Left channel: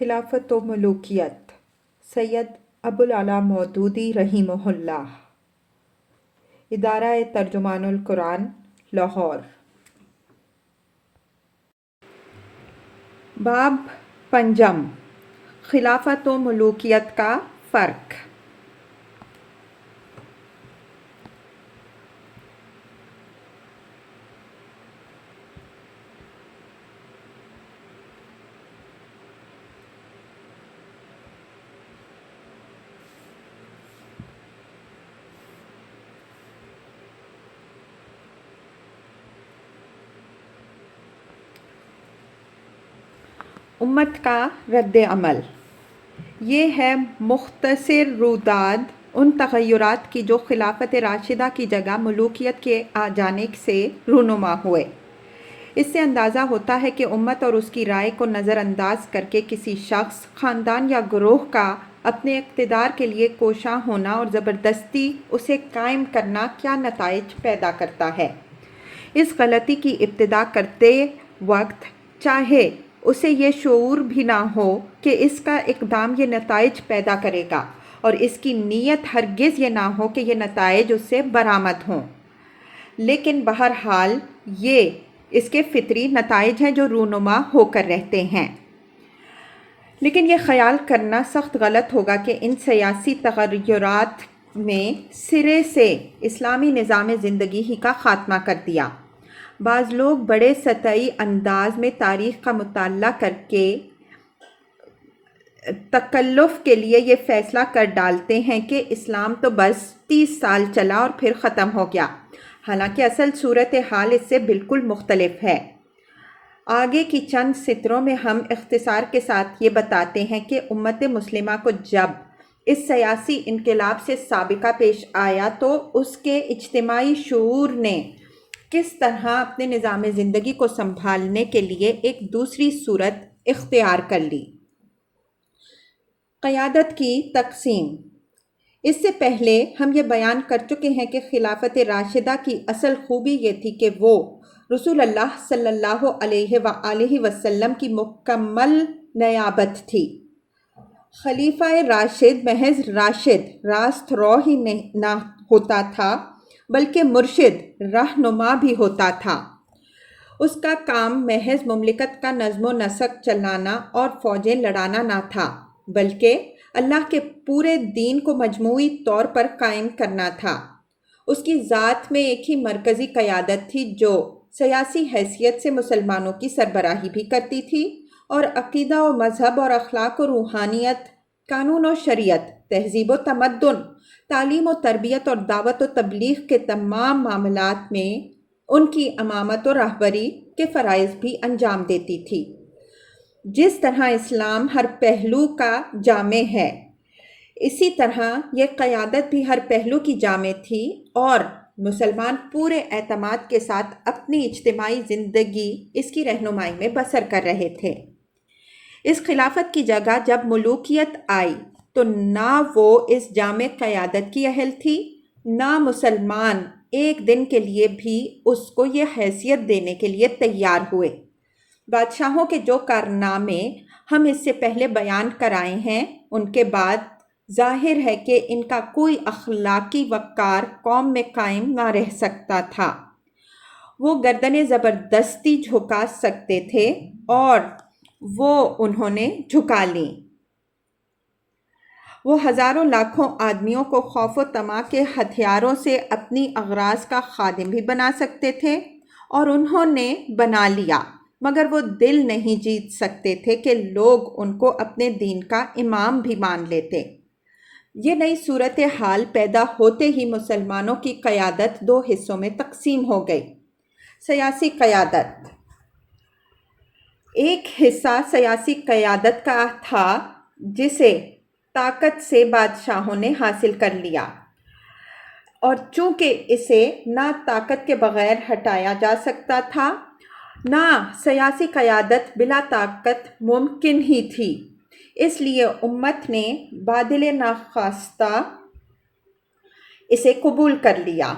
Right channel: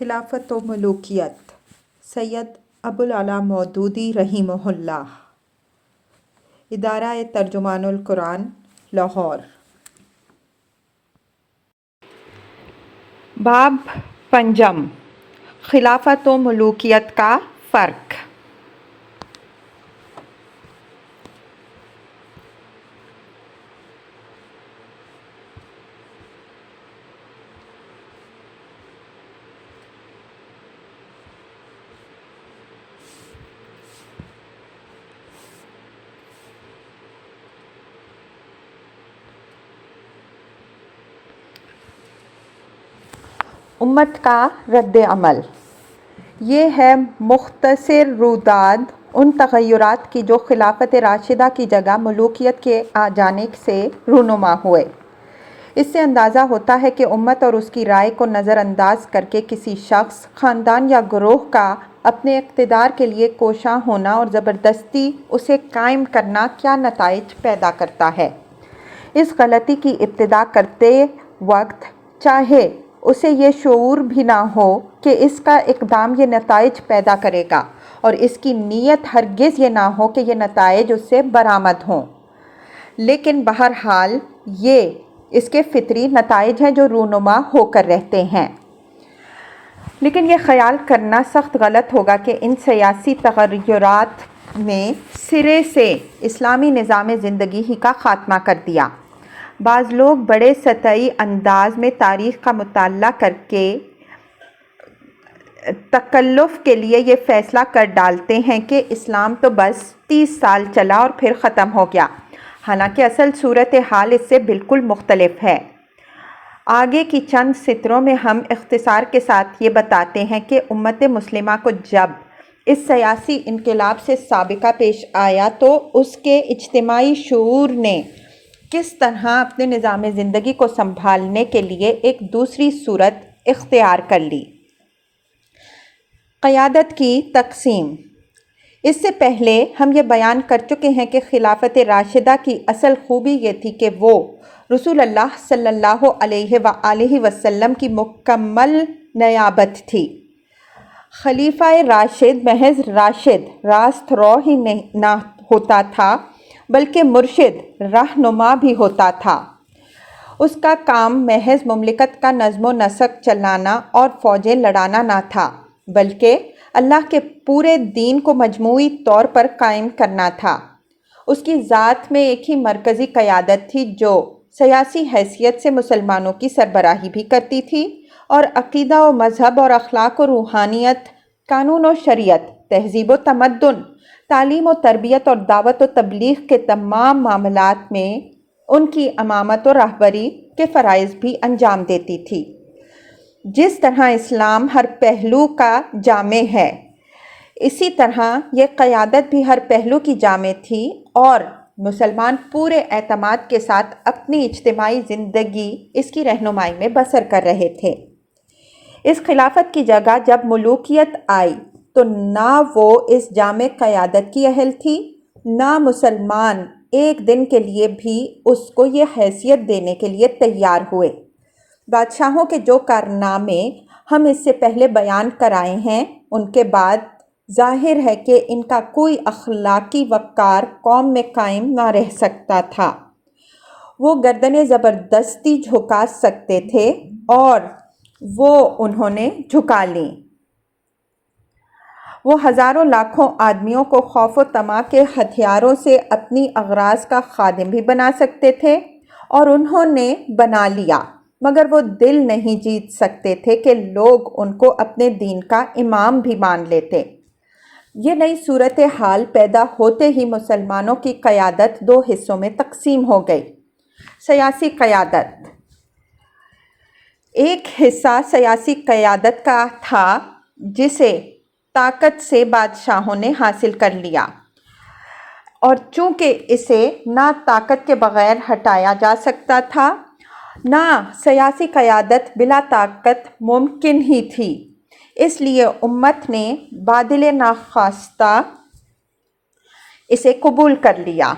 خلافت و ملوکیت سید ابوالعلا مودودی رحمہ اللہ، ادارہ ترجمان القرآن، لاہور۔ باب پنجم، خلافت و ملوکیت کا فرق۔ امت کا رد عمل، یہ ہے مختصر روداد ان تغیرات کی جو خلافت راشدہ کی جگہ ملوکیت کے آ جانے سے رونما ہوئے۔ اس سے اندازہ ہوتا ہے کہ امت اور اس کی رائے کو نظر انداز کر کے کسی شخص، خاندان یا گروہ کا اپنے اقتدار کے لیے کوشاں ہونا اور زبردستی اسے قائم کرنا کیا نتائج پیدا کرتا ہے۔ اس غلطی کی ابتدا کرتے وقت چاہے اسے یہ شعور بھی نہ ہو کہ اس کا اقدام یہ نتائج پیدا کرے گا، اور اس کی نیت ہرگز یہ نہ ہو کہ یہ نتائج اس سے برآمد ہوں، لیکن بہرحال یہ اس کے فطری نتائج ہیں جو رونما ہو کر رہتے ہیں۔ لیکن یہ خیال کرنا سخت غلط ہوگا کہ ان سیاسی تغیرات نے سرے سے اسلامی نظام زندگی ہی کا خاتمہ کر دیا۔ بعض لوگ بڑے سطحی انداز میں تاریخ کا مطالعہ کر کے تکلف کے لیے یہ فیصلہ کر ڈالتے ہیں کہ اسلام تو بس 30 سال چلا اور پھر ختم ہو گیا، حالانکہ اصل صورتحال اس سے بالکل مختلف ہے۔ آگے کی چند سطروں میں ہم اختصار کے ساتھ یہ بتاتے ہیں کہ امت مسلمہ کو جب اس سیاسی انقلاب سے سابقہ پیش آیا تو اس کے اجتماعی شعور نے کس طرح اپنے نظام زندگی کو سنبھالنے کے لیے ایک دوسری صورت اختیار کر لی۔ قیادت کی تقسیم۔ اس سے پہلے ہم یہ بیان کر چکے ہیں کہ خلافت راشدہ کی اصل خوبی یہ تھی کہ وہ رسول اللہ صلی اللہ علیہ وآلہ وسلم کی مکمل نیابت تھی۔ خلیفہ راشد محض راشد، راست رو ہی نہ ہوتا تھا بلکہ مرشد، رہنما بھی ہوتا تھا۔ اس کا کام محض مملکت کا نظم و نسق چلانا اور فوجیں لڑانا نہ تھا، بلکہ اللہ کے پورے دین کو مجموعی طور پر قائم کرنا تھا۔ اس کی ذات میں ایک ہی مرکزی قیادت تھی جو سیاسی حیثیت سے مسلمانوں کی سربراہی بھی کرتی تھی، اور عقیدہ و مذہب اور اخلاق و روحانیت، قانون و شریعت، تہذیب و تمدن، تعلیم و تربیت اور دعوت و تبلیغ کے تمام معاملات میں ان کی امامت و رہبری کے فرائض بھی انجام دیتی تھی۔ جس طرح اسلام ہر پہلو کا جامع ہے، اسی طرح یہ قیادت بھی ہر پہلو کی جامع تھی، اور مسلمان پورے اعتماد کے ساتھ اپنی اجتماعی زندگی اس کی رہنمائی میں بسر کر رہے تھے۔ اس خلافت کی جگہ جب ملوکیت آئی تو نہ وہ اس جامع قیادت کی اہل تھی، نہ مسلمان ایک دن کے لیے بھی اس کو یہ حیثیت دینے کے لیے تیار ہوئے۔ بادشاہوں کے جو کارنامے ہم اس سے پہلے بیان کرائے ہیں، ان کے بعد ظاہر ہے کہ ان کا کوئی اخلاقی وقار قوم میں قائم نہ رہ سکتا تھا۔ وہ گردنیں زبردستی جھکا سکتے تھے، اور وہ انہوں نے جھکا لیں۔ وہ ہزاروں لاکھوں آدمیوں کو خوف و طمع کے ہتھیاروں سے اپنی اغراض کا خادم بھی بنا سکتے تھے، اور انہوں نے بنا لیا، مگر وہ دل نہیں جیت سکتے تھے کہ لوگ ان کو اپنے دین کا امام بھی مان لیتے۔ یہ نئی صورتحال پیدا ہوتے ہی مسلمانوں کی قیادت دو حصوں میں تقسیم ہو گئی۔ سیاسی قیادت۔ ایک حصہ سیاسی قیادت کا تھا جسے طاقت سے بادشاہوں نے حاصل کر لیا، اور چونکہ اسے نہ طاقت کے بغیر ہٹایا جا سکتا تھا، نہ سیاسی قیادت بلا طاقت ممکن ہی تھی، اس لیے امت نے بادل ناخواستہ اسے قبول کر لیا۔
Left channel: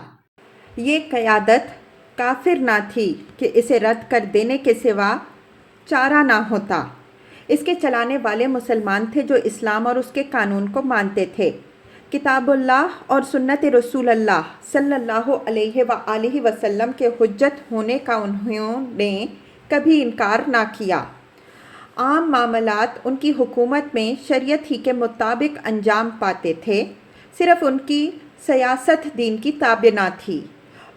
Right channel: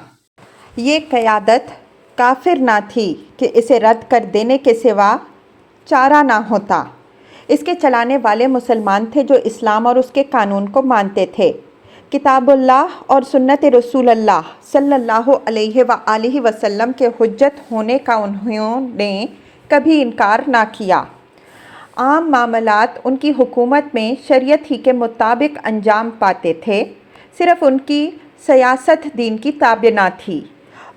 یہ قیادت کافر نہ تھی کہ اسے رد کر دینے کے سوا چارہ نہ ہوتا۔ اس کے چلانے والے مسلمان تھے جو اسلام اور اس کے قانون کو مانتے تھے۔ کتاب اللہ اور سنت رسول اللہ صلی اللہ علیہ وآلہ وسلم کے حجت ہونے کا انہوں نے کبھی انکار نہ کیا۔ عام معاملات ان کی حکومت میں شریعت ہی کے مطابق انجام پاتے تھے، صرف ان کی سیاست دین کی تابع نہ تھی،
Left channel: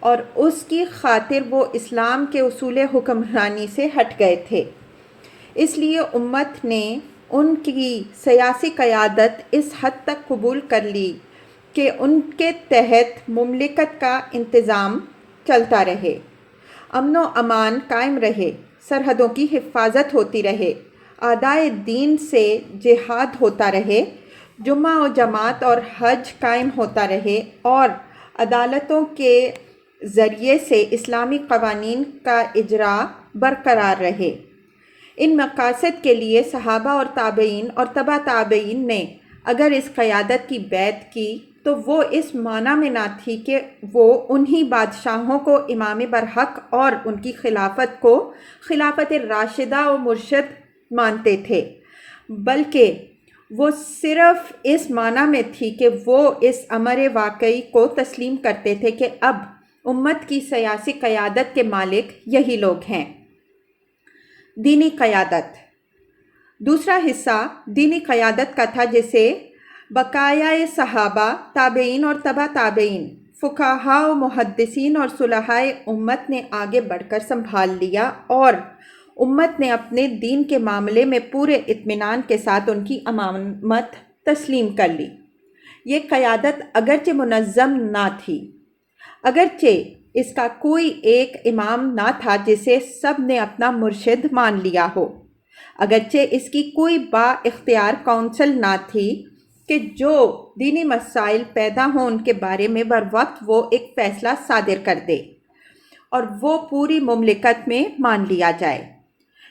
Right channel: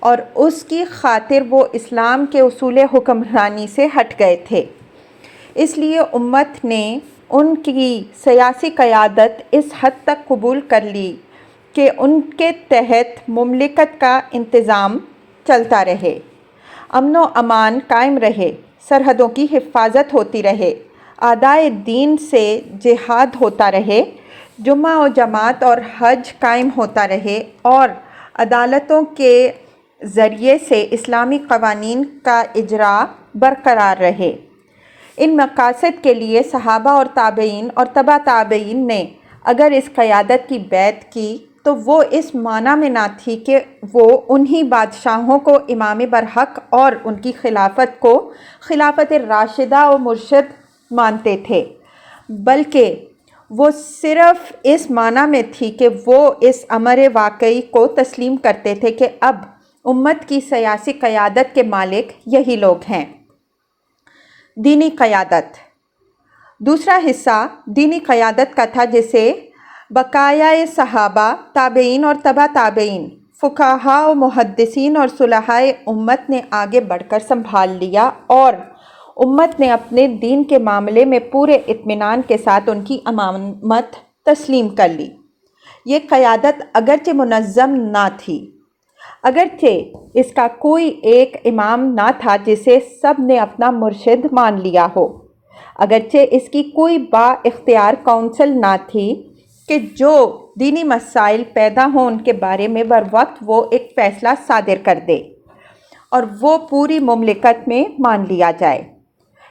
اور اس کی خاطر وہ اسلام کے اصول حکمرانی سے ہٹ گئے تھے۔ اس لیے امت نے ان کی سیاسی قیادت اس حد تک قبول کر لی کہ ان کے تحت مملکت کا انتظام چلتا رہے، امن و امان قائم رہے، سرحدوں کی حفاظت ہوتی رہے، اعدائے دین سے جہاد ہوتا رہے، جمعہ و جماعت اور حج قائم ہوتا رہے، اور عدالتوں کے ذریعے سے اسلامی قوانین کا اجرا برقرار رہے۔ ان مقاصد کے لیے صحابہ اور تابعین اور تبع تابعین نے اگر اس قیادت کی بیعت کی تو وہ اس معنی میں نہ تھی کہ وہ انہی بادشاہوں کو امام برحق اور ان کی خلافت کو خلافت راشدہ و مرشد مانتے تھے، بلکہ وہ صرف اس معنی میں تھی کہ وہ اس امر واقعی کو تسلیم کرتے تھے کہ اب امت کی سیاسی قیادت کے مالک یہی لوگ ہیں۔ دینی قیادت۔ دوسرا حصہ دینی قیادت کا تھا جسے بقایا صحابہ، تابعین اور تبع تابعین، فقہاء و محدثین اور صلحاء امت نے آگے بڑھ کر سنبھال لیا، اور امت نے اپنے دین کے معاملے میں پورے اطمینان کے ساتھ ان کی امامت تسلیم کر لی۔ یہ قیادت اگرچہ منظم نہ تھی، اگرچہ اس کا کوئی ایک امام نہ تھا جسے سب نے اپنا مرشد مان لیا ہو، اگرچہ اس کی کوئی با اختیار کونسل نہ تھی کہ جو دینی مسائل پیدا ہوں ان کے بارے میں بروقت وہ ایک فیصلہ صادر کر دے اور وہ پوری مملکت میں مان لیا جائے۔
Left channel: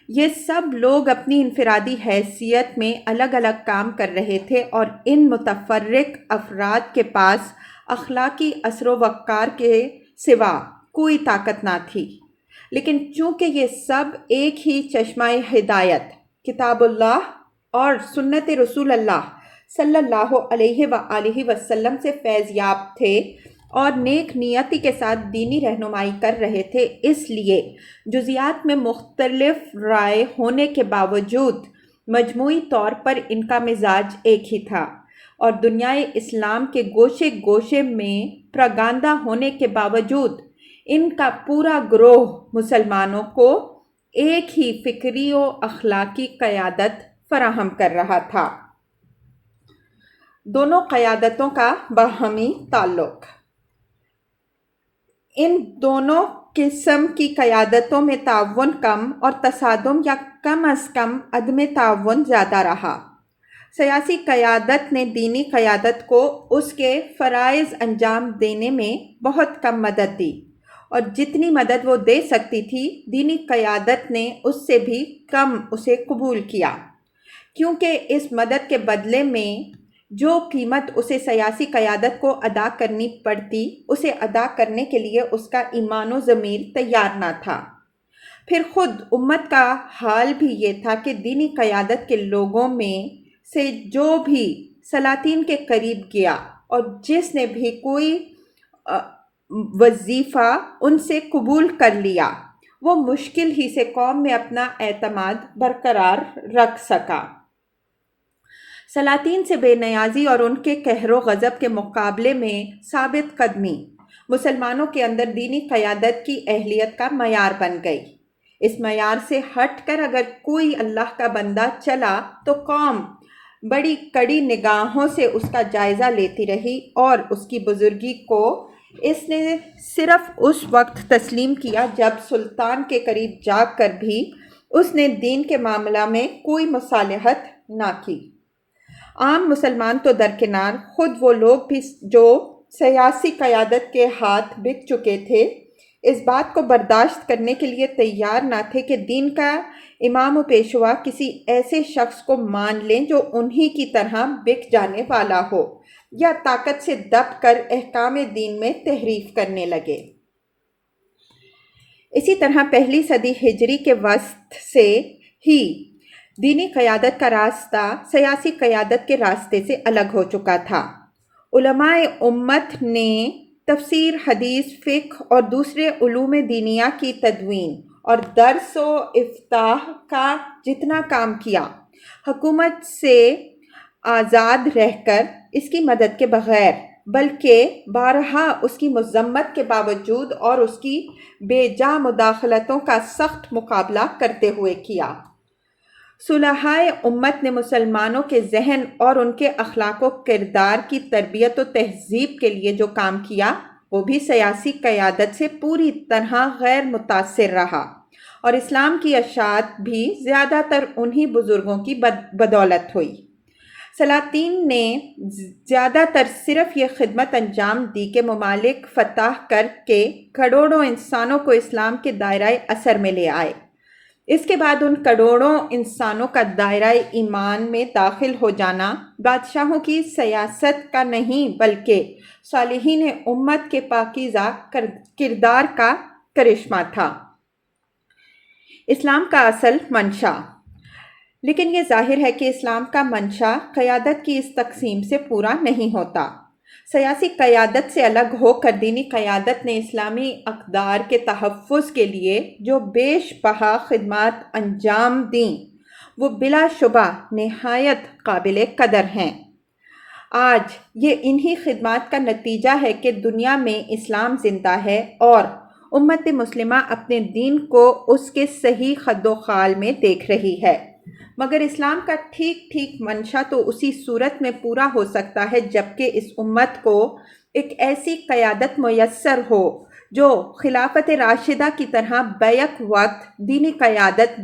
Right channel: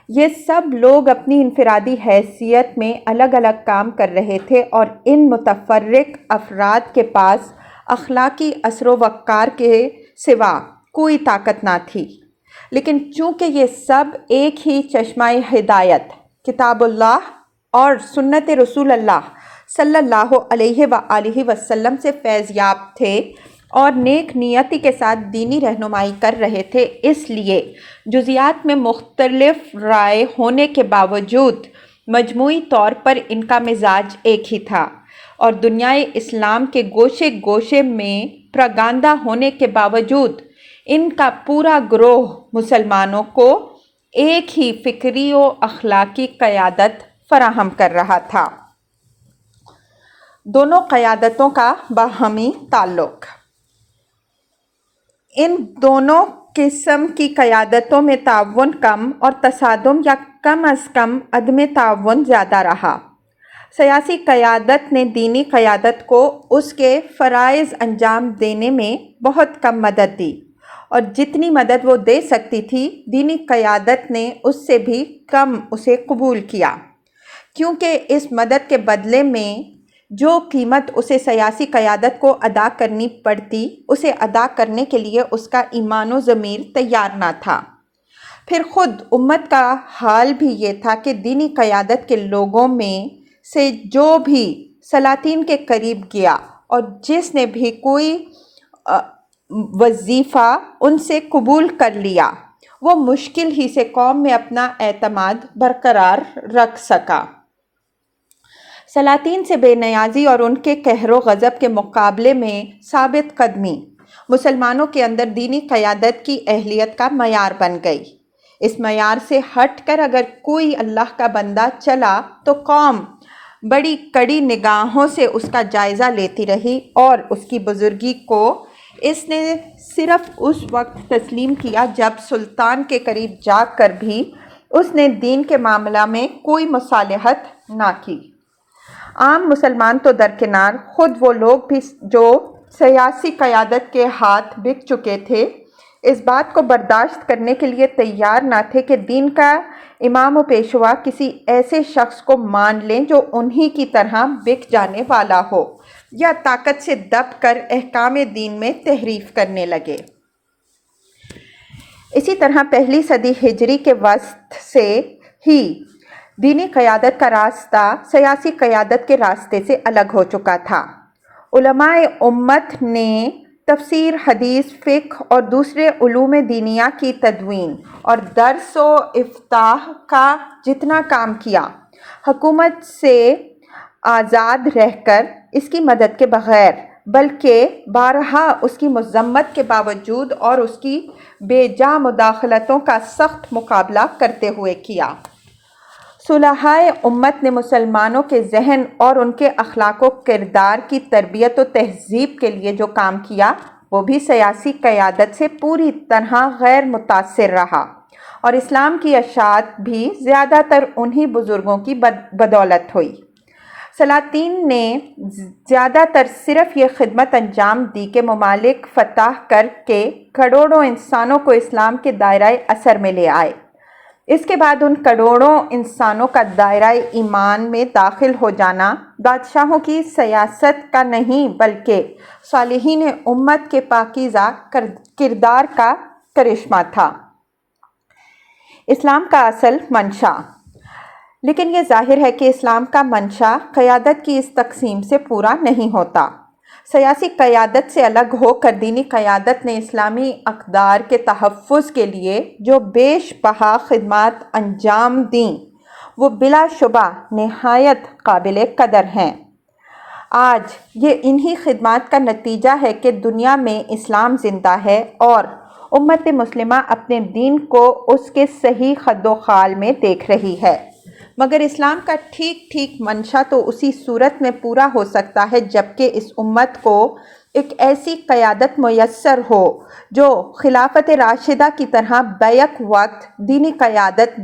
یہ سب لوگ اپنی انفرادی حیثیت میں الگ الگ کام کر رہے تھے، اور ان متفرق افراد کے پاس اخلاقی اثر و وقار کے سوا کوئی طاقت نہ تھی، لیکن چونکہ یہ سب ایک ہی چشمہ ہدایت کتاب اللہ اور سنت رسول اللہ صلی اللہ علیہ وآلہ وسلم سے فیض یاب تھے اور نیک نیتی کے ساتھ دینی رہنمائی کر رہے تھے، اس لیے جزیات میں مختلف رائے ہونے کے باوجود مجموعی طور پر ان کا مزاج ایک ہی تھا، اور دنیائے اسلام کے گوشے گوشے میں پراگندہ ہونے کے باوجود ان کا پورا گروہ مسلمانوں کو ایک ہی فکری و اخلاقی قیادت فراہم کر رہا تھا۔ دونوں قیادتوں کا باہمی تعلق۔ ان دونوں قسم کی قیادتوں میں تعاون کم اور تصادم یا کم از کم عدم تعاون زیادہ رہا۔ سیاسی قیادت نے دینی قیادت کو اس کے فرائض انجام دینے میں بہت کم مدد دی، اور جتنی مدد وہ دے سکتی تھی دینی قیادت نے اس سے بھی کم اسے قبول کیا، کیونکہ اس مدد کے بدلے میں جو قیمت اسے سیاسی قیادت کو ادا کرنی پڑتی اسے ادا کرنے کے لیے اس کا ایمان و ضمیر تیار نہ تھا۔ پھر خود امت کا حال بھی یہ تھا کہ دینی قیادت کے لوگوں میں سے جو بھی سلاطین کے قریب گیا اور جس نے بھی کوئی وظیفہ ان سے قبول کر لیا، وہ مشکل ہی سے قوم میں اپنا اعتماد برقرار رکھ سکا۔ سلاطین سے بے نیازی اور ان کے قہر و غضب کے مقابلے میں ثابت قدمی مسلمانوں کے اندر دینی قیادت کی اہلیت کا معیار بن گئی۔ اس معیار سے ہٹ کر اگر کوئی اللہ کا بندہ چلا تو قوم بڑی کڑی نگاہوں سے اس کا جائزہ لیتی رہی، اور اس کی بزرگی کو اس نے صرف اس وقت تسلیم کیا جب سلطان کے قریب جا کر بھی اس نے دین کے معاملہ میں کوئی مصالحت نہ کی۔ عام مسلمان تو درکنار، خود وہ لوگ بھی جو سیاسی قیادت کے ہاتھ بک چکے تھے، اس بات کو برداشت کرنے کے لیے تیار نہ تھے کہ دین کا امام و پیشوا کسی ایسے شخص کو مان لیں جو انہی کی طرح بک جانے والا ہو یا طاقت سے دب کر احکام دین میں تحریف کرنے لگے۔ اسی طرح پہلی صدی ہجری کے وسط سے ہی دینی قیادت کا راستہ سیاسی قیادت کے راستے سے الگ ہو چکا تھا۔ علماء امت نے تفسیر، حدیث، فقہ اور دوسرے علوم دینیہ کی تدوین اور درس و افتاح کا جتنا کام کیا، حکومت سے آزاد رہ کر اس کی مدد کے بغیر، بلکہ بارہا اس کی مذمت کے باوجود اور اس کی بے جا مداخلتوں کا سخت مقابلہ کرتے ہوئے کیا۔ صلحائے امت نے مسلمانوں کے ذہن اور ان کے اخلاق و کردار کی تربیت و تہذیب کے لیے جو کام کیا، وہ بھی سیاسی قیادت سے پوری طرح غیر متاثر رہا، اور اسلام کی اشاعت بھی زیادہ تر انہی بزرگوں کی بدولت ہوئی۔ سلاطین نے زیادہ تر صرف یہ خدمت انجام دی کہ ممالک فتح کر کے کروڑوں انسانوں کو اسلام کے دائرۂ اثر میں لے آئے۔ اس کے بعد ان کروڑوں انسانوں کا دائرۂ ایمان میں داخل ہو جانا بادشاہوں کی سیاست کا نہیں، بلکہ صالحین امت کے پاکیزہ کردار کا کرشمہ تھا۔ اسلام کا اصل منشا۔ لیکن یہ ظاہر ہے کہ اسلام کا منشا قیادت کی اس تقسیم سے پورا نہیں ہوتا۔ سیاسی قیادت سے الگ ہو کر دینی قیادت نے اسلامی اقدار کے تحفظ کے لیے جو بیش بہا خدمات انجام دیں، وہ بلا شبہ نہایت قابل قدر ہیں۔ آج یہ انہی خدمات کا نتیجہ ہے کہ دنیا میں اسلام زندہ ہے اور امت مسلمہ اپنے دین کو اس کے صحیح خد و خال میں دیکھ رہی ہے۔ مگر اسلام کا ٹھیک منشا تو اسی صورت میں پورا ہو سکتا ہے جبکہ اس امت کو ایک ایسی قیادت میسر ہو جو خلافت راشدہ کی طرح بیک وقت دینی قیادت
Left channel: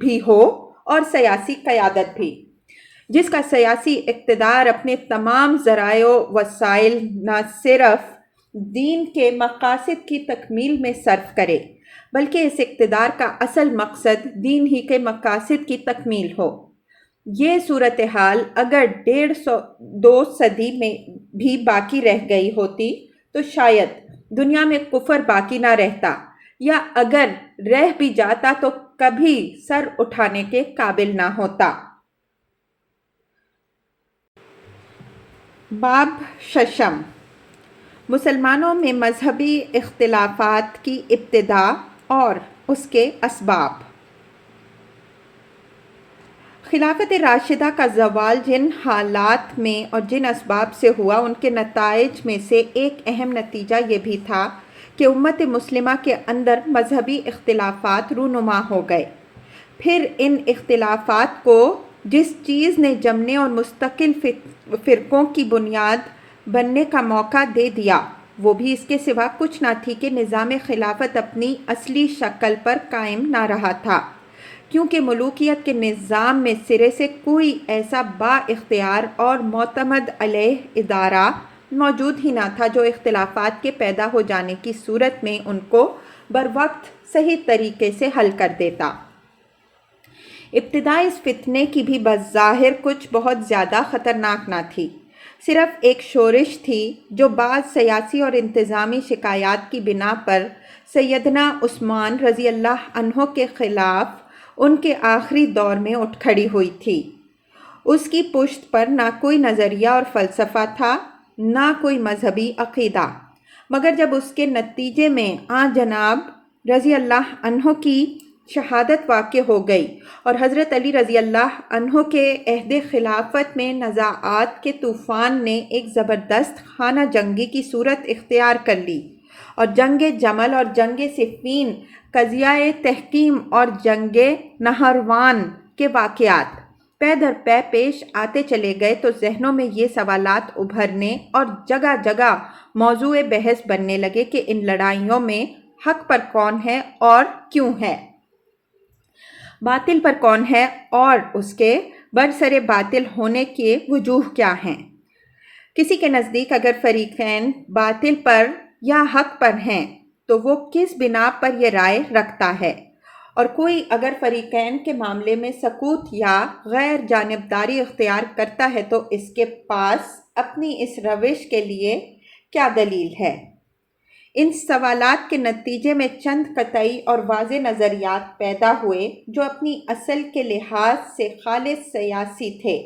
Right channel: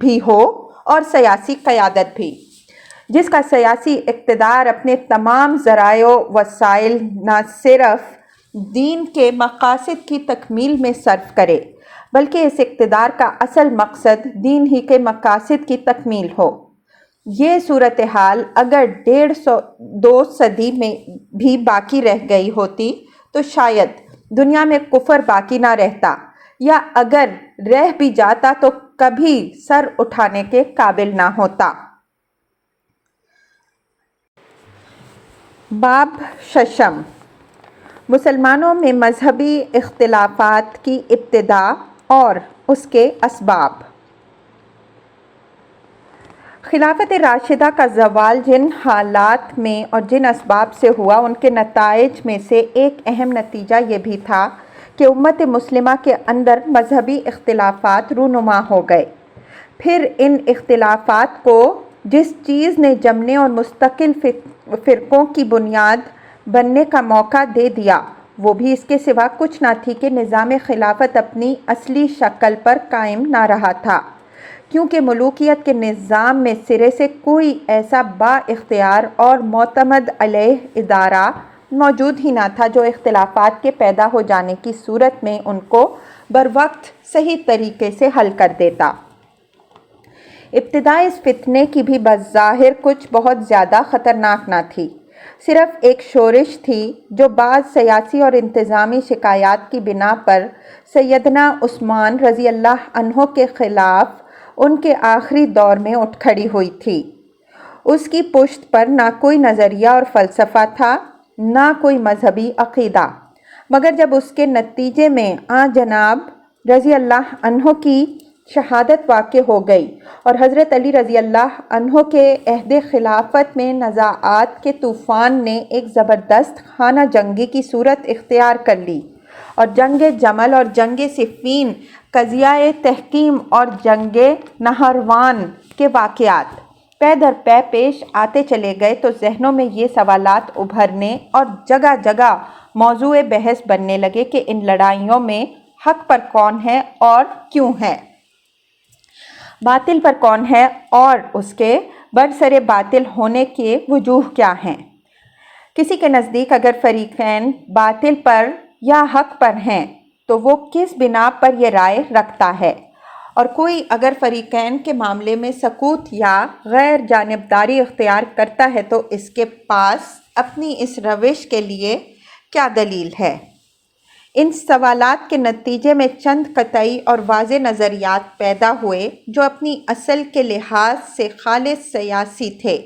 بھی ہو اور سیاسی قیادت بھی، جس کا سیاسی اقتدار اپنے تمام ذرائع و وسائل نہ صرف دین کے مقاصد کی تکمیل میں صرف کرے، بلکہ اس اقتدار کا اصل مقصد دین ہی کے مقاصد کی تکمیل ہو۔ یہ صورتحال اگر 1.5-2 صدی میں بھی باقی رہ گئی ہوتی تو شاید دنیا میں کفر باقی نہ رہتا، یا اگر رہ بھی جاتا تو کبھی سر اٹھانے کے قابل نہ ہوتا۔ باب ششم، مسلمانوں میں مذہبی اختلافات کی ابتدا اور اس کے اسباب۔ خلافت راشدہ کا زوال جن حالات میں اور جن اسباب سے ہوا، ان کے نتائج میں سے ایک اہم نتیجہ یہ بھی تھا کہ امت مسلمہ کے اندر مذہبی اختلافات رونما ہو گئے۔ پھر ان اختلافات کو جس چیز نے جمنے اور مستقل فرقوں کی بنیاد بننے کا موقع دے دیا، وہ بھی اس کے سوا کچھ نہ تھی کہ نظام خلافت اپنی اصلی شکل پر قائم نہ رہا تھا، کیونکہ ملوکیت کے نظام میں سرے سے کوئی ایسا با اختیار اور معتمد علیہ ادارہ موجود ہی نہ تھا جو اختلافات کے پیدا ہو جانے کی صورت میں ان کو بروقت صحیح طریقے سے حل کر دیتا۔ ابتدا اس فتنے کی بھی بظاہر کچھ بہت زیادہ خطرناک نہ تھی، صرف ایک شورش تھی جو بعض سیاسی اور انتظامی شکایات کی بنا پر سیدنا عثمان رضی اللہ عنہ کے خلاف ان کے آخری دور میں اٹھ کھڑی ہوئی تھی۔ اس کی پشت پر نہ کوئی نظریہ اور فلسفہ تھا، نہ کوئی مذہبی عقیدہ، مگر جب اس کے نتیجے میں جناب رضی اللہ عنہ کی شہادت واقع ہو گئی اور حضرت علی رضی اللہ عنہ کے عہد خلافت میں نزاعات کے طوفان نے ایک زبردست خانہ جنگی کی صورت اختیار کر لی، اور جنگ جمل اور جنگ صفین، قضیہ تحکیم اور جنگ نہروان کے واقعات پے در پے پیش آتے چلے گئے تو ذہنوں میں یہ سوالات ابھرنے اور جگہ جگہ موضوع بحث بننے لگے کہ ان لڑائیوں میں حق پر کون ہے اور کیوں ہے، باطل پر کون ہے اور اس کے برسر باطل ہونے کے وجوہ کیا ہیں۔ کسی کے نزدیک اگر فریقین باطل پر یا حق پر ہیں تو وہ کس بنا پر یہ رائے رکھتا ہے، اور کوئی اگر فریقین کے معاملے میں سکوت یا غیر جانبداری اختیار کرتا ہے تو اس کے پاس اپنی اس روش کے لیے کیا دلیل ہے۔ ان سوالات کے نتیجے میں چند قطعی اور واضح نظریات پیدا ہوئے جو اپنی اصل کے لحاظ سے خالص سیاسی تھے،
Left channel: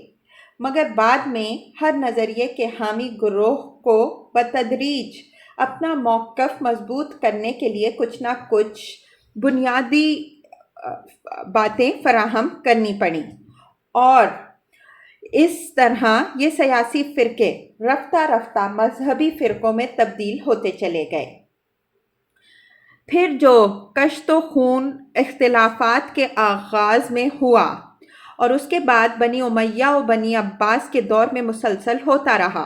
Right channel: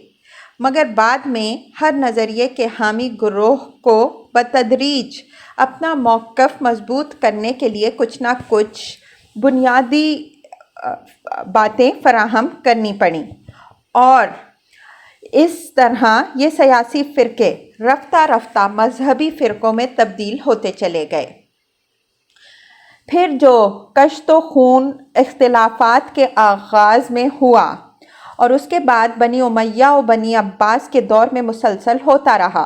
مگر بعد میں ہر نظریے کے حامی گروہ کو بتدریج اپنا موقف مضبوط کرنے کے لیے کچھ نہ کچھ بنیادی باتیں فراہم کرنی پڑیں، اور اس طرح یہ سیاسی فرقے رفتہ رفتہ مذہبی فرقوں میں تبدیل ہوتے چلے گئے۔ پھر جو کشت و خون اختلافات کے آغاز میں ہوا اور اس کے بعد بنی امیہ و بنی عباس کے دور میں مسلسل ہوتا رہا،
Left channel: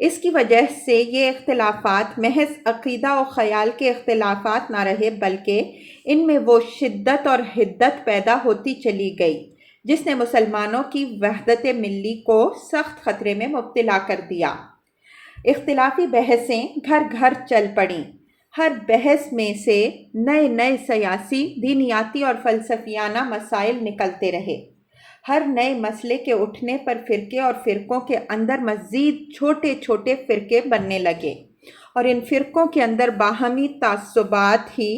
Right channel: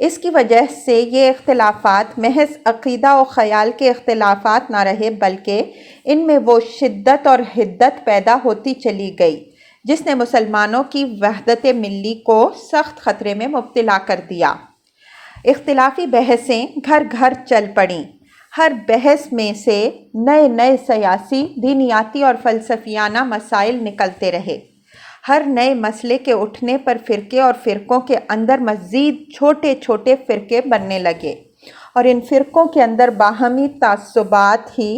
اس کی وجہ سے یہ اختلافات محض عقیدہ و خیال کے اختلافات نہ رہے، بلکہ ان میں وہ شدت اور حدت پیدا ہوتی چلی گئی جس نے مسلمانوں کی وحدت ملی کو سخت خطرے میں مبتلا کر دیا۔ اختلافی بحثیں گھر گھر چل پڑیں، ہر بحث میں سے نئے نئے سیاسی، دینیاتی اور فلسفیانہ مسائل نکلتے رہے۔ ہر نئے مسئلے کے اٹھنے پر فرقے اور فرقوں کے اندر مزید چھوٹے چھوٹے فرقے بننے لگے، اور ان فرقوں کے اندر باہمی تعصبات ہی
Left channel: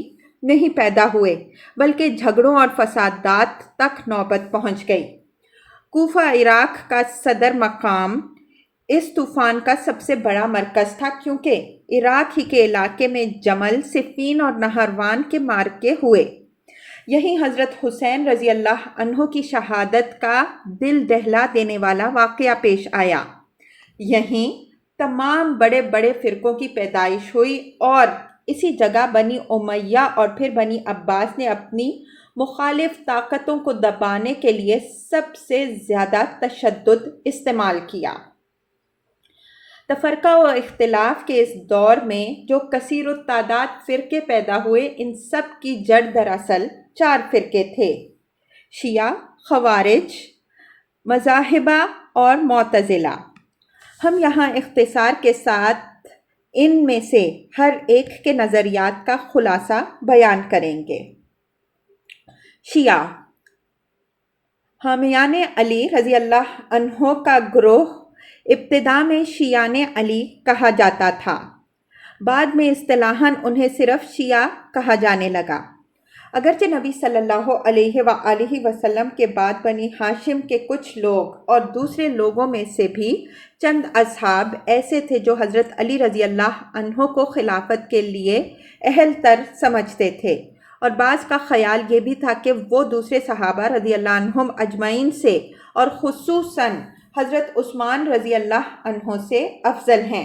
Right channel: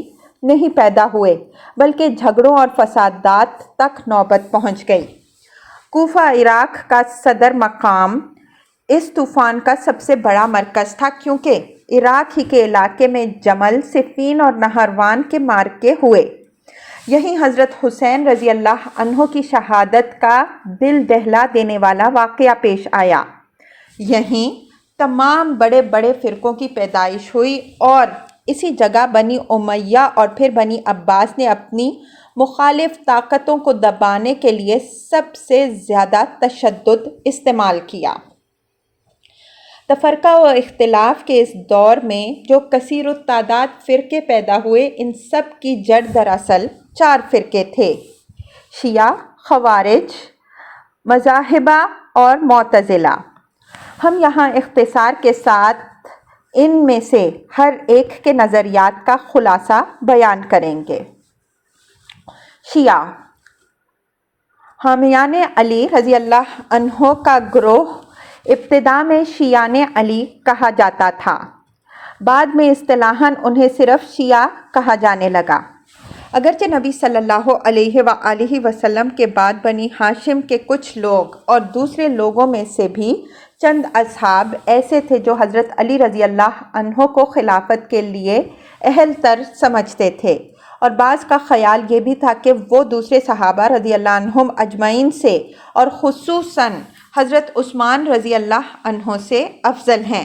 نہیں پیدا ہوئے بلکہ جھگڑوں اور فسادات تک نوبت پہنچ گئی۔ کوفہ عراق کا صدر مقام اس طوفان کا سب سے بڑا مرکز تھا، کیونکہ عراق ہی کے علاقے میں جمل، صفین اور نہروان کے معرکے ہوئے۔ یہیں حضرت حسین رضی اللہ عنہ کی شہادت کا دل دہلا دینے والا واقعہ پیش آیا۔ یہیں تمام بڑے بڑے فرقوں کی پیدائش ہوئی، اور اسی جگہ بنی امیہ اور پھر بنی عباس نے اپنی مخالف طاقتوں کو دبانے کے لیے سب سے زیادہ تشدد استعمال کیا۔ تفرقہ و اختلاف کے اس دور میں جو کثیر التعداد فرقے پیدا ہوئے، ان سب کی جڑ دراصل 4 فرقے تھے: شیعہ، خوارج، مذاہبہ اور معتزلہ۔ ہم یہاں اختصار کے ساتھ ان میں سے ہر ایک کے نظریات کا خلاصہ بیان کریں گے۔ شیعہ، حامیان علی رضی اللہ عنہ کا گروہ ابتدا میں شیعان علی کہا جاتا تھا، بعد میں اصطلاحاً انہیں صرف شیعہ کہا جانے لگا۔ اگرچہ نبی صلی اللہ علیہ وآلہ وسلم کے بعد بنی ہاشم کے کچھ لوگ اور دوسرے لوگوں میں سے بھی چند اصحاب ایسے تھے جو حضرت علی رضی اللہ عنہ کو خلافت کے لیے اہل تر سمجھتے تھے، اور بعض کا خیال یہ بھی تھا کہ وہ دوسرے صحابہ رضی اللہ عنہم اجمعین سے اور خصوصاً حضرت عثمان رضی اللہ عنہ سے افضل ہیں،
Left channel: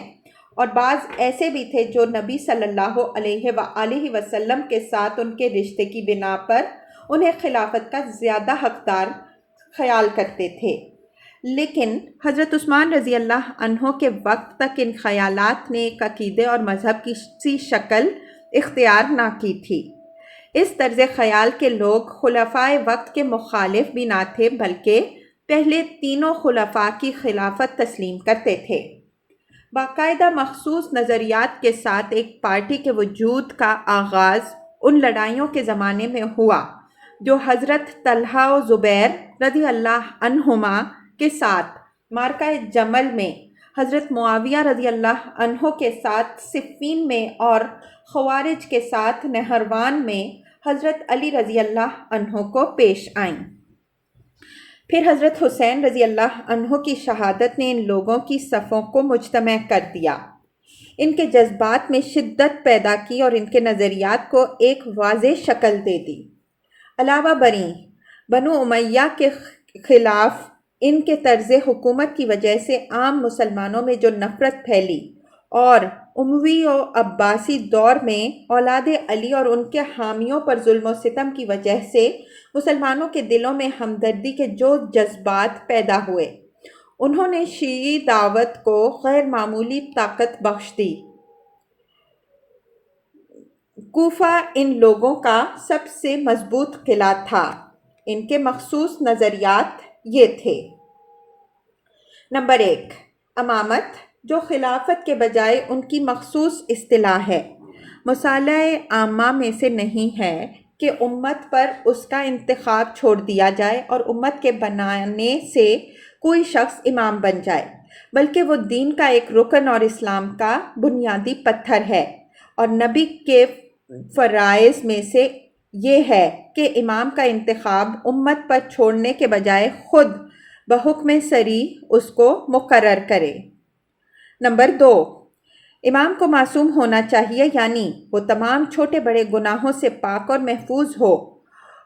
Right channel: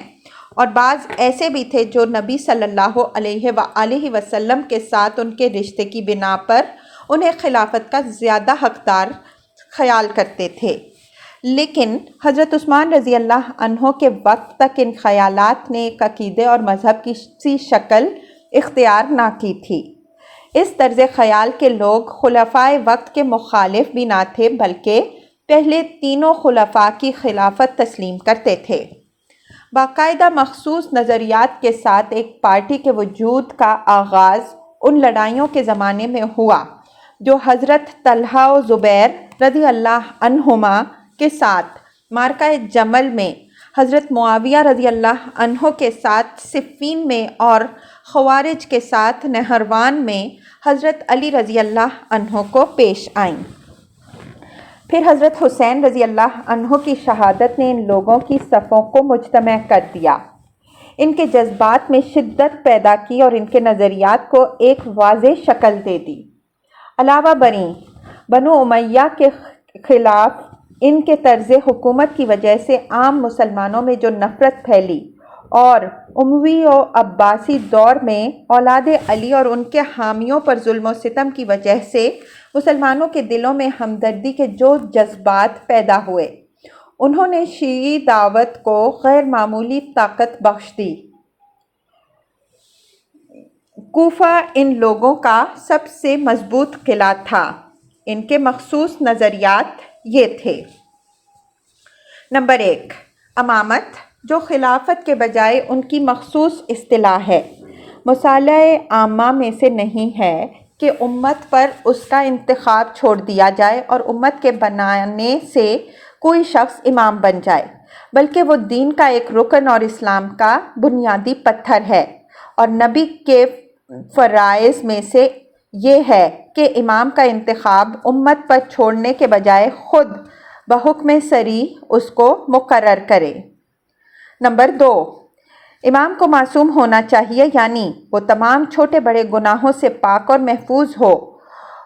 اور بعض ایسے بھی تھے جو نبی صلی اللہ علیہ وآلہ وسلم کے ساتھ ان کے رشتے کی بنا پر انہیں خلافت کا زیادہ حقدار خیال کرتے تھے۔ لیکن حضرت عثمان رضی اللہ عنہ کے وقت تک ان خیالات نے ایک عقیدے اور مذہب کی سی شکل اختیار نہ کی تھی۔ اس طرز خیال کے لوگ خلفائے وقت کے مخالف بھی نہ تھے، بلکہ پہلے تینوں خلفاء کی خلافت تسلیم کرتے تھے۔ باقاعدہ مخصوص نظریات کے ساتھ ایک پارٹی کے وجود کا آغاز ان لڑائیوں کے زمانے میں ہوا جو حضرت طلحہ و زبیر رضی اللہ عنہما کے ساتھ معرکہ جمل میں، حضرت معاویہ رضی اللہ عنہ کے ساتھ صفین میں، اور خوارج کے ساتھ نہروان میں حضرت علی رضی اللہ عنہ کو پیش آئیں۔ پھر حضرت حسین رضی اللہ عنہ کی شہادت نے ان لوگوں کی صفوں کو مجتمع کر دیا، ان کے جذبات میں شدت پیدا کی اور ان کے نظریات کو ایک واضح شکل دے دی۔ علاوہ بریں بنو امیہ کے خلاف ان کے طرز حکومت کی وجہ سے عام مسلمانوں میں جو نفرت پھیلی، اور اموی و عباسی دور میں اولاد علی اور ان کے حامیوں پر ظلم و ستم کی وجہ سے مسلمانوں کے دلوں میں ہمدردی کے جو جذبات پیدا ہوئے، انہوں نے شیعی دعوت کو غیر معمولی طاقت بخش دی۔ کوفہ ان لوگوں کا سب سے مضبوط قلعہ تھا۔ ان کے مخصوص نظریات یہ تھے: نمبر 1، امامت، جو خلافت کے بجائے ان کی مخصوص اصطلاح ہے، مصالح عامہ میں سے نہیں ہے کہ امت پر اس کا انتخاب چھوڑ دیا جائے اور امت کے بنانے سے کوئی شخص امام بن جائے، بلکہ وہ دین کا ایک رکن اور اسلام کا بنیادی پتھر ہے، اور نبی کے فرائض میں سے یہ ہے کہ امام کا انتخاب امت پر چھوڑنے کے بجائے خود بحکم صریح اس کو مقرر کرے۔ نمبر 2، امام کو معصوم ہونا چاہیے، یعنی وہ تمام چھوٹے بڑے گناہوں سے پاک اور محفوظ ہو،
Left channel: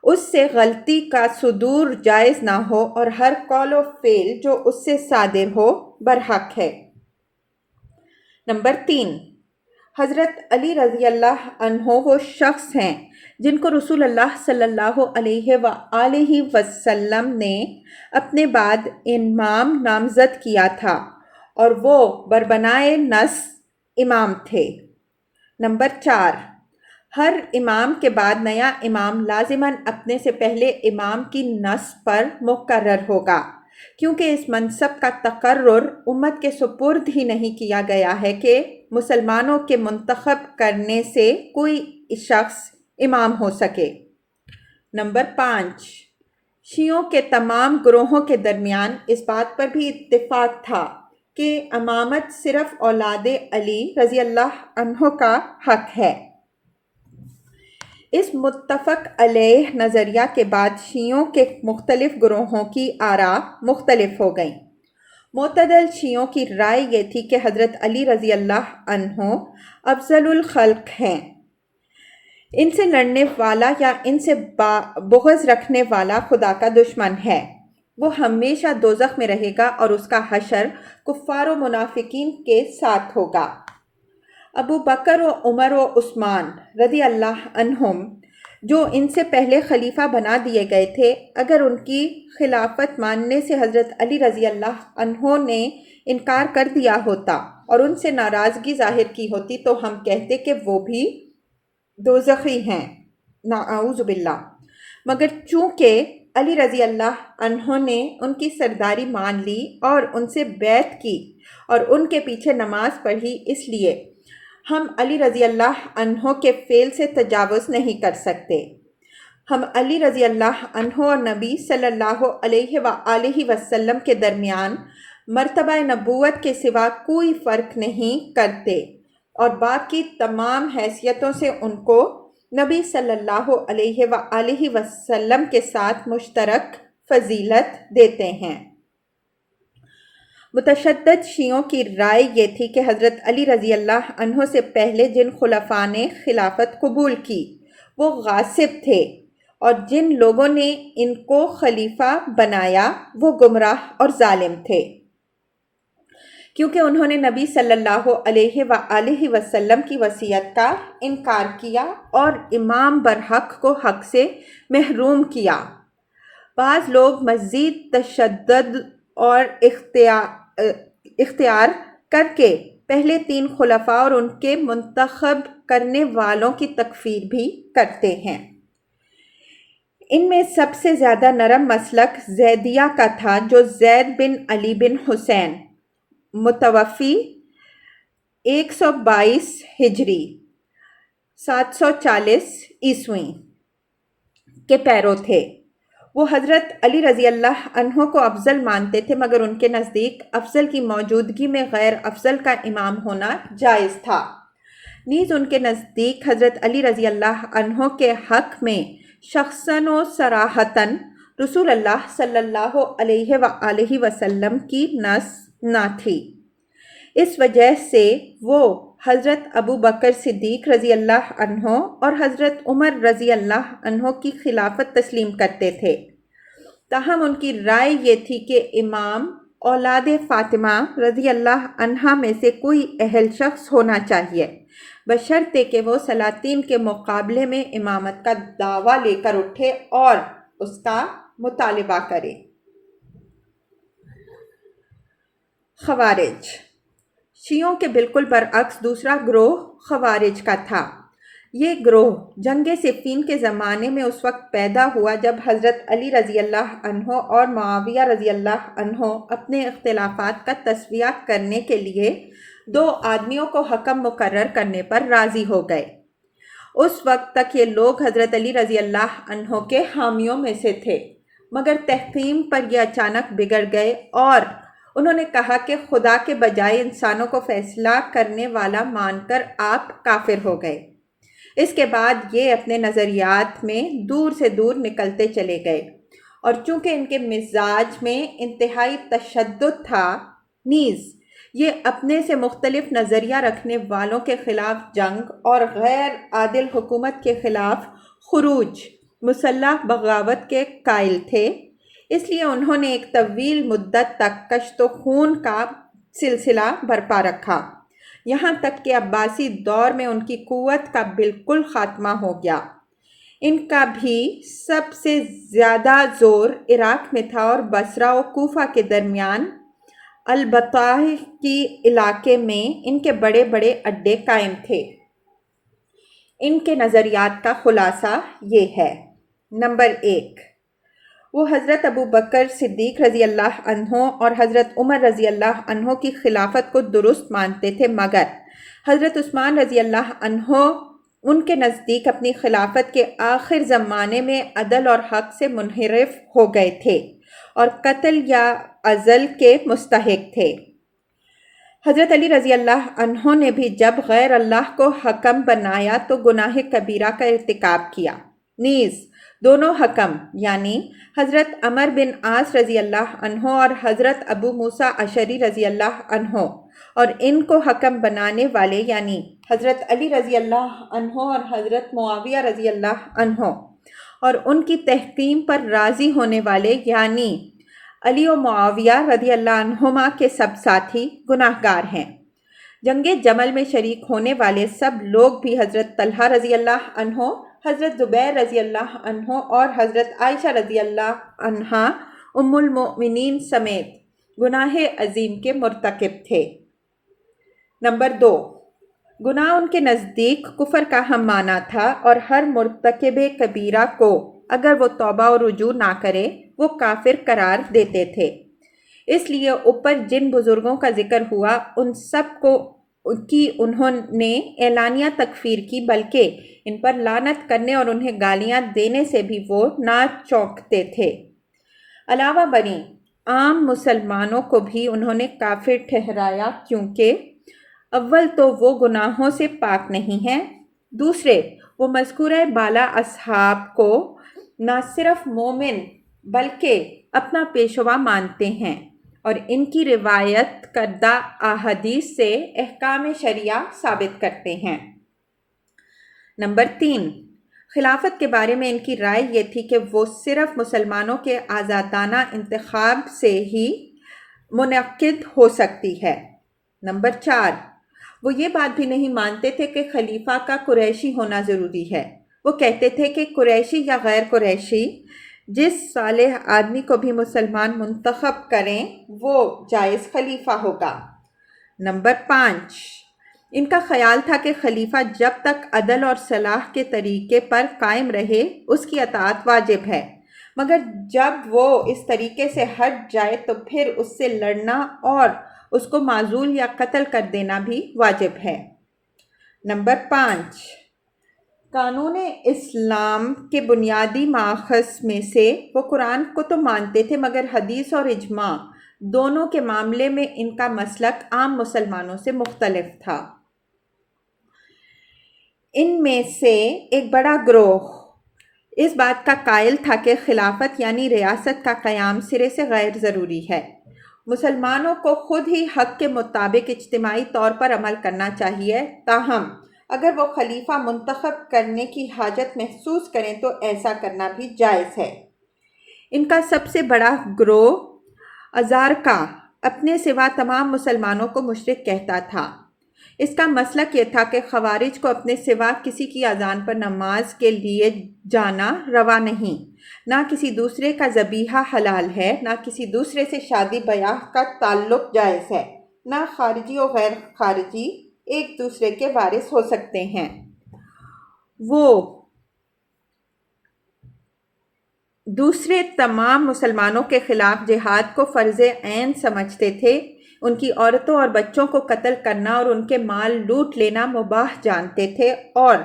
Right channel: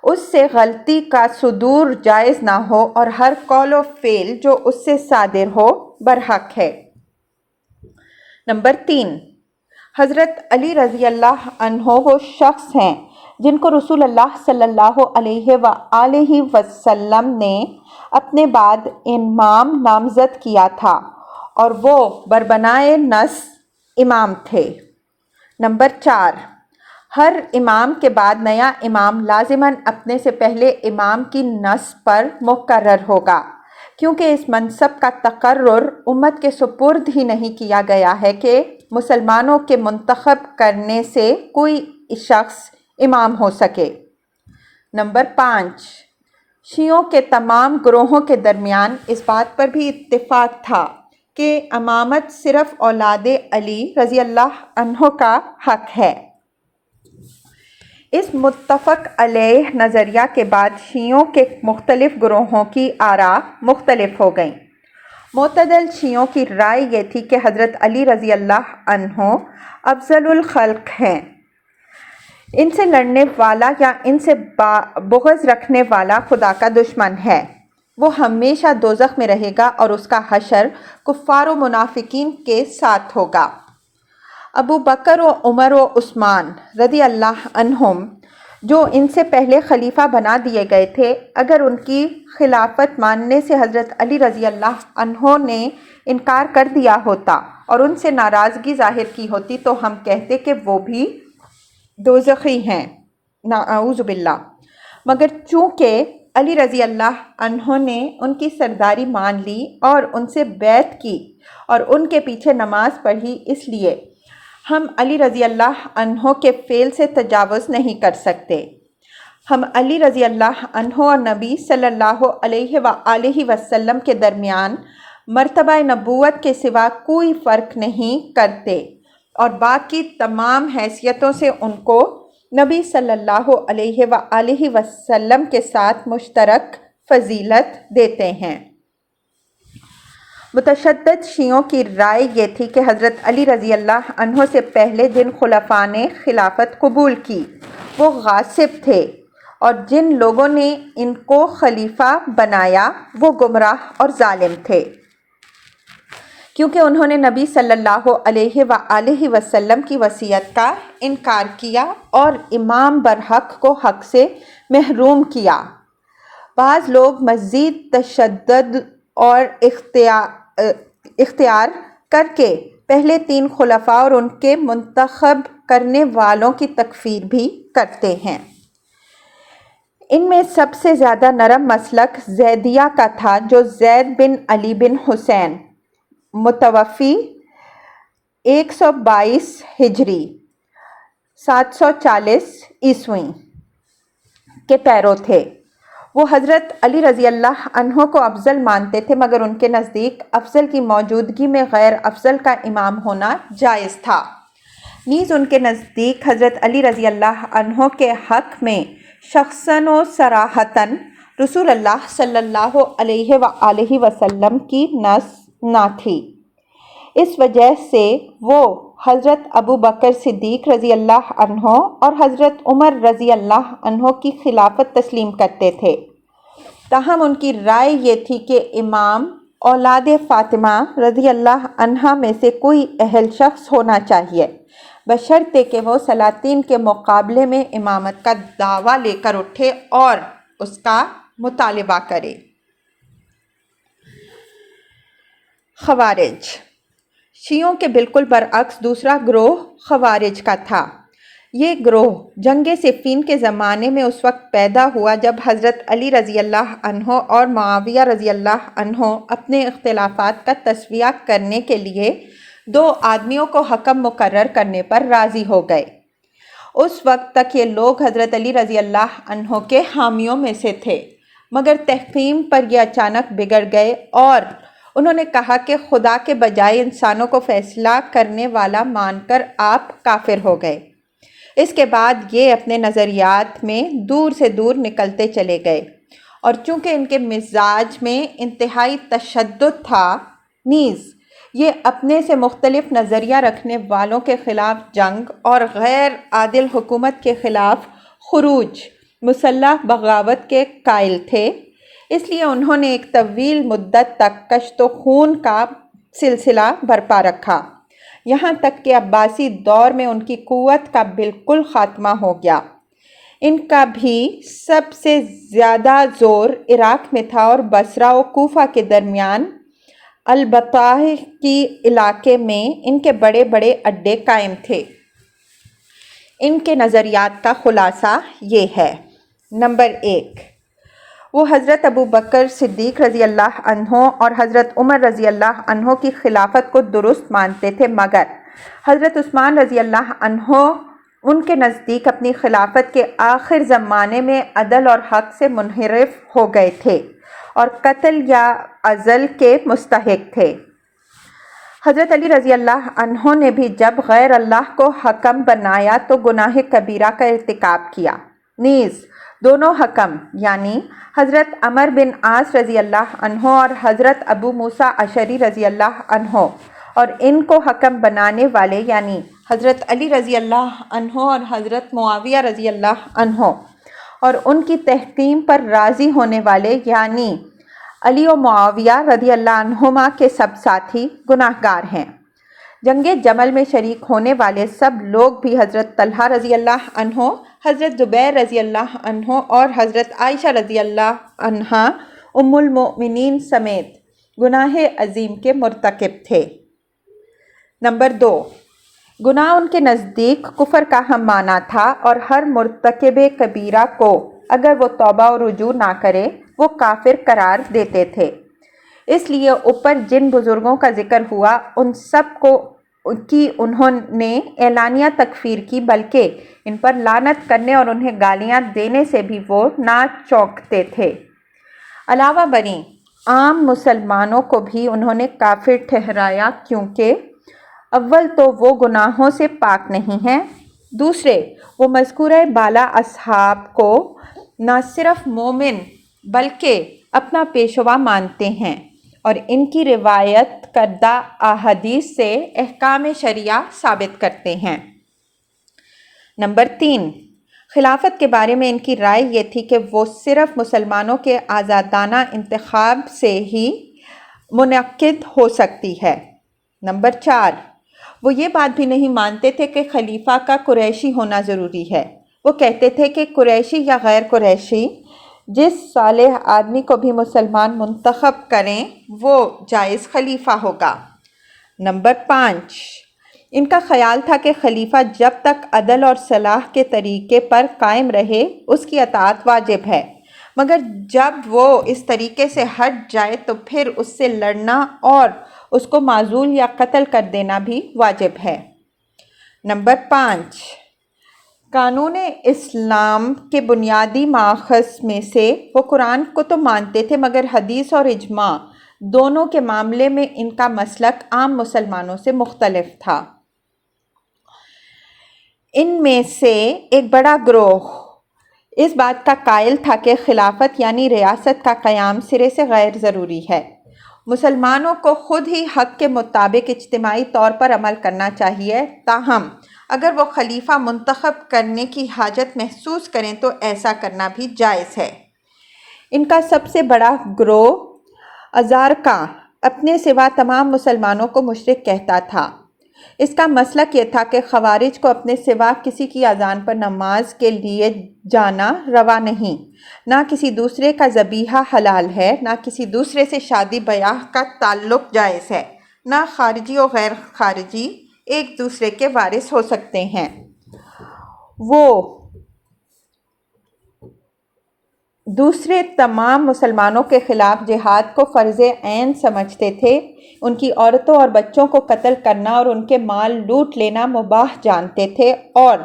اس سے غلطی کا صدور جائز نہ ہو، اور ہر قول و فعل جو اس سے صادر ہو برحق ہے۔ نمبر 3، حضرت علی رضی اللہ عنہ وہ شخص ہیں جن کو رسول اللہ صلی اللہ علیہ وآلہ وسلم نے اپنے بعد امام نامزد کیا تھا، اور وہ بربنائے نص امام تھے۔ نمبر 4، ہر امام کے بعد نیا امام لازماً اپنے سے پہلے امام کی نصب پر مقرر ہوگا، کیونکہ اس منصب کا تقرر امت کے سپرد ہی نہیں کیا گیا ہے کہ مسلمانوں کے منتخب کرنے سے کوئی شخص امام ہو سکے۔ نمبر 5، شیعوں کے تمام گروہوں کے درمیان اس بات پر بھی اتفاق تھا کہ امامت صرف اولاد علی رضی اللہ عنہ کا حق ہے۔ اس متفق علیہ نظریہ کے بعد شیعوں کے مختلف گروہوں کی آراء مختلف ہو گئیں۔ معتدل شیعوں کی رائے یہ تھی کہ حضرت علی رضی اللہ عنہ افضل الخلق ہیں، ان سے لڑنے والا یا ان سے بغض رکھنے والا خدا کا دشمن ہے، وہ ہمیشہ دوزخ میں رہے گا اور اس کا حشر کفار و منافقین کے ساتھ ہوگا۔ ابو بکر و عمر و عثمان رضی اللہ عنہم جو ان سے پہلے خلیفہ بنا دیے گئے تھے، اگر ان کی خلافت ماننے سے حضرت علی رضی اللہ عنہ نے انکار کر دیا ہوتا اور ان سے ناراضگی ظاہر کی ہوتی تو ہم کہتے کہ وہ بھی دوزخی ہیں، نعوذ باللہ۔ مگر چونکہ علی رضی اللہ عنہ نے ان کی سرداری مان لی اور ان سے بیعت کی اور ان کے پیچھے نماز پڑھی، اس لیے ہم علی رضی اللہ عنہ کے فعل سے تجاوز نہیں کر سکتے۔ ہم علی رضی اللہ عنہ اور نبی صلی اللہ علیہ وآلہ وسلم کے درمیان مرتبہ نبوت کے سوا کوئی فرق نہیں کرتے، اور باقی تمام حیثیتوں سے ان کو نبی صلی اللہ علیہ وآلہ وسلم کے ساتھ مشترک فضیلت دیتے ہیں۔ متشدد شیعوں کی رائے یہ تھی کہ حضرت علی رضی اللہ عنہ سے پہلے جن خلفاء نے خلافت قبول کی وہ غاصب تھے، اور جن لوگوں نے ان کو خلیفہ بنایا وہ گمراہ اور ظالم تھے، کیونکہ انہوں نے نبی صلی اللہ علیہ وآلہ وسلم کی وصیت کا انکار کیا اور امام برحق کو حق سے محروم کیا۔ بعض لوگ مزید تشدد اور اختیار کر کے پہلے 3 خلفاء اور ان کے منتخب کرنے والوں کی تکفیر بھی کرتے ہیں۔ ان میں سب سے زیادہ نرم مسلک زیدیہ کا تھا، جو زید بن علی بن حسین متوفی 122 ہجری 740 عیسوی کے پیرو تھے۔ وہ حضرت علی رضی اللہ عنہ کو افضل مانتے تھے، مگر ان کے نزدیک افضل کی موجودگی میں غیر افضل کا امام ہونا جائز تھا۔ نیز ان کے نزدیک حضرت علی رضی اللہ عنہ کے حق میں شخصاً و صراحتاً رسول اللہ صلی اللہ علیہ وآلہ وسلم کی نص نہ تھی۔ اس وجہ سے وہ حضرت ابو بکر صدیق رضی اللہ عنہ اور حضرت عمر رضی اللہ عنہ کی خلافت تسلیم کرتے تھے۔ تاہم ان کی رائے یہ تھی کہ امام اولاد فاطمہ رضی اللہ عنہا میں سے کوئی اہل شخص ہونا چاہیے، بشرطے کہ وہ سلاطین کے مقابلے میں امامت کا دعویٰ لے کر اٹھے اور اس کا مطالبہ کرے۔ خوارج شیعوں کے بالکل برعکس دوسرا گروہ خوارج کا تھا۔ یہ گروہ جنگ صفین کے زمانے میں اس وقت پیدا ہوا جب حضرت علی رضی اللہ عنہ اور معاویہ رضی اللہ عنہ اپنے اختلافات کا تسویہ کرنے کے لیے 2 آدمیوں کو حکم مقرر کرنے پر راضی ہو گئے۔ اس وقت تک یہ لوگ حضرت علی رضی اللہ عنہ کے حامیوں میں سے تھے، مگر تحکیم پر یہ اچانک بگڑ گئے اور انہوں نے کہا کہ خدا کے بجائے انسانوں کو فیصلہ کرنے والا مان کر آپ کافر ہو گئے۔ اس کے بعد یہ اپنے نظریات میں دور سے دور نکلتے چلے گئے، اور چونکہ ان کے مزاج میں انتہائی تشدد تھا، نیز یہ اپنے سے مختلف نظریہ رکھنے والوں کے خلاف جنگ اور غیر عادل حکومت کے خلاف خروج، مسلح بغاوت کے قائل تھے۔ اس لیے انہوں نے ایک طویل مدت تک کشت و خون کا سلسلہ برپا رکھا، یہاں تک کہ عباسی دور میں ان کی قوت کا بالکل خاتمہ ہو گیا۔ ان کا بھی سب سے زیادہ زور عراق میں تھا اور بصرہ و کوفہ کے درمیان البطاح کی علاقے میں ان کے بڑے بڑے اڈے قائم تھے۔ ان کے نظریات کا خلاصہ یہ ہے۔ نمبر 1، وہ حضرت ابو بکر صدیق رضی اللہ عنہ اور حضرت عمر رضی اللہ عنہ کی خلافت کو درست مانتے تھے، مگر حضرت عثمان رضی اللہ عنہ ان کے نزدیک اپنی خلافت کے آخر زمانے میں عدل اور حق سے منحرف ہو گئے تھے اور قتل یا عزل کے مستحق تھے۔ حضرت علی رضی اللہ عنہ نے بھی جب غیر اللہ کو حکم بنایا تو گناہ کبیرہ کا ارتکاب کیا۔ نیز دونوں حکم یعنی حضرت عمر بن عاص رضی اللہ عنہ اور حضرت ابو موسیٰ اشعری رضی اللہ عنہ اور ان کو حکم بنانے والے یعنی حضرت علی رضی اللہ عنہ اور حضرت معاویہ رضی اللہ عنہ اور ان کی تحکیم پر راضی ہونے والے یعنی علی و معاویہ رضی اللہ عنہما کے سب ساتھی گناہ گار ہیں۔ جنگ جمل میں شریک ہونے والے سب لوگ بھی حضرت طلحہ رضی اللہ عنہ، حضرت زبیر رضی اللہ عنہ اور حضرت عائشہ رضی اللہ عنہا ام المؤمنین سمیت گناہ عظیم کے مرتکب تھے۔ نمبر 2، گناہ ان کے نزدیک کفر کا ہم معنی تھا اور ہر مرتکب کبیرہ کو اگر وہ توبہ و رجوع نہ کرے وہ کافر قرار دیتے تھے۔ اس لیے اوپر جن بزرگوں کا ذکر ہوا ان سب کو کی انہوں نے اعلانیہ تکفیر کی، بلکہ ان پر لعنت کرنے اور انہیں گالیاں دینے سے بھی وہ نہ چونکتے تھے۔ علاوہ بریں عام مسلمانوں کو بھی انہوں نے کافر ٹھہرایا، کیونکہ اول تو وہ گناہوں سے پاک نہیں ہیں، دوسرے وہ مذکورہ بالا اصحاب کو نہ صرف مومن بلکہ اپنا پیشوا مانتے ہیں اور ان کی روایت کردہ احادیث سے احکام شرعیہ ثابت کرتے ہیں۔ نمبر 3، خلافت کے بارے میں ان کی رائے یہ تھی کہ وہ صرف مسلمانوں کے آزادانہ انتخاب سے ہی منعقد ہو سکتی ہے۔ نمبر 4، وہ یہ بات بھی نہیں مانتے تھے کہ خلیفہ کا قریشی ہونا ضروری ہے۔ وہ کہتے تھے کہ قریشی یا غیر قریشی جس صالح آدمی کو بھی مسلمان منتخب کریں وہ جائز خلیفہ ہوگا۔ نمبر 5، ان کا خیال تھا کہ خلیفہ جب تک عدل اور صلاح کے طریقے پر قائم رہے اس کی اطاعت واجب ہے، مگر جب وہ اس طریقے سے ہٹ جائے تو پھر اس سے لڑنا اور اس کو معزول یا قتل کر دینا بھی واجب ہے۔ نمبر 5، قانون اسلام کے بنیادی ماخذ میں سے وہ قرآن کو تو مانتے تھے مگر حدیث اور اجماع دونوں کے معاملے میں ان کا مسلک عام مسلمانوں سے مختلف تھا۔ ان میں سے ایک بڑا گروہ اس بات کا قائل تھا کہ خلافت یعنی ریاست کا قیام سرے سے غیر ضروری ہے، مسلمانوں کو خود ہی حق کے مطابق اجتماعی طور پر عمل کرنا چاہیے، تاہم اگر وہ خلیفہ منتخب کرنے کی حاجت محسوس کریں تو ایسا کرنا بھی جائز ہے۔ ان کا سب سے بڑا گروہ ازارقہ اپنے سوا تمام مسلمانوں کو مشرک کہتا تھا۔ اس کا مسلک یہ تھا کہ خوارج کو اپنے سوا کسی کی اذان پر نماز کے لیے جانا روا نہیں، نہ کسی دوسرے کا ذبیحہ حلال ہے، نہ کسی دوسرے سے شادی بیاہ کا تعلق جائز ہے، نہ خارجی و غیر خارجی ایک دوسرے کے وارث ہو سکتے ہیں۔ وہ دوسرے تمام مسلمانوں کے خلاف جہاد کو فرض عین سمجھتے تھے، ان کی عورتوں اور بچوں کو قتل کرنا اور ان کے مال لوٹ لینا مباح جانتے تھے، اور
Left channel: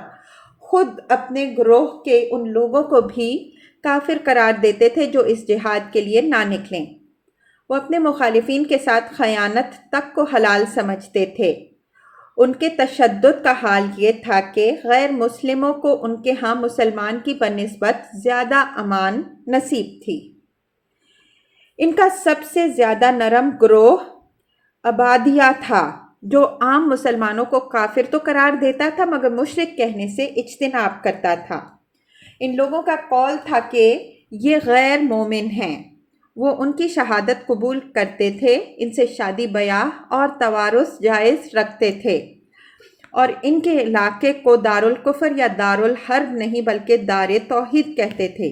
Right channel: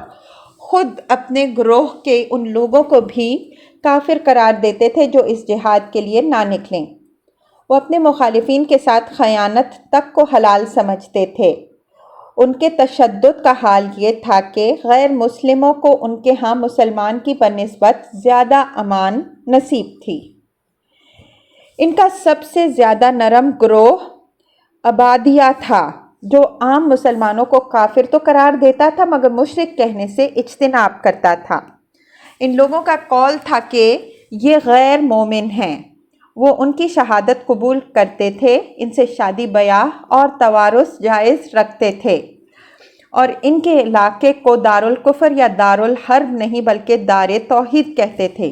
خود اپنے گروہ کے ان لوگوں کو بھی کافر قرار دیتے تھے جو اس جہاد کے لیے نہ نکلیں۔ وہ اپنے مخالفین کے ساتھ خیانت تک کو حلال سمجھتے تھے۔ ان کے تشدد کا حال یہ تھا کہ غیر مسلموں کو ان کے ہاں مسلمان کی بنسبت زیادہ امان نصیب تھی۔ ان کا سب سے زیادہ نرم گروہ عبادیہ تھا، جو عام مسلمانوں کو کافر تو قرار دیتا تھا مگر مشرک کہنے سے اجتناب کرتا تھا۔ ان لوگوں کا قول تھا کہ یہ غیر مومن ہیں۔ وہ ان کی شہادت قبول کرتے تھے، ان سے شادی بیاہ اور توارث جائز رکھتے تھے، اور ان کے علاقے کو دارالکفر یا دارالحرب نہیں بلکہ دار توحید کہتے تھے۔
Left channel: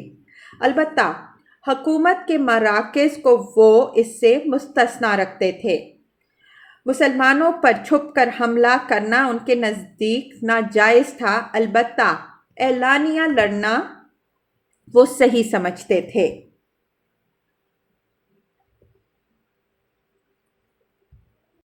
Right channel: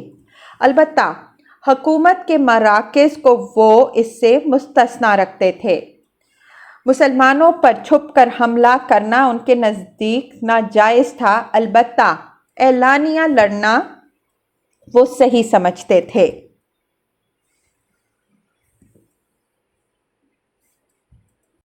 البتہ حکومت کے مراکز کو وہ اس سے مستثنیٰ رکھتے تھے۔ مسلمانوں پر چھپ کر حملہ کرنا ان کے نزدیک ناجائز تھا، البتہ اعلانیہ لڑنا وہ صحیح سمجھتے تھے۔